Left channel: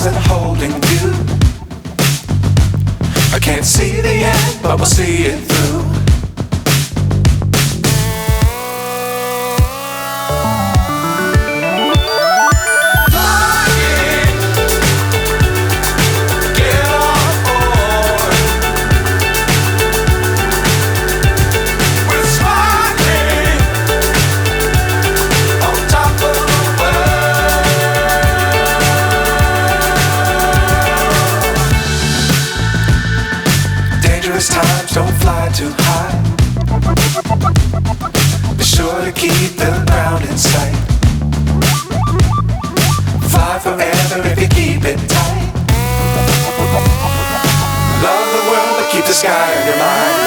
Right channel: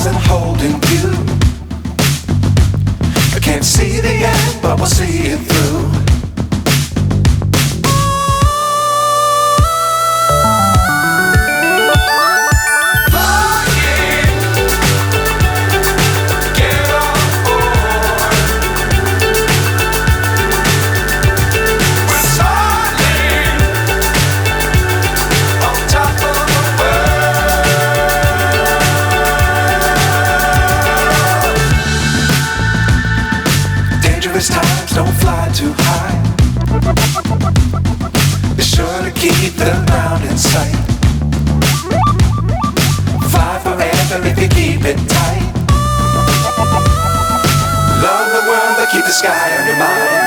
stars and holding you. I can't see the end, but we'll see it through. Times don't fly too high. Be sure to keep the ground in sight. Fly forever if you keep it tight. Love the world but keep the sky on your mind.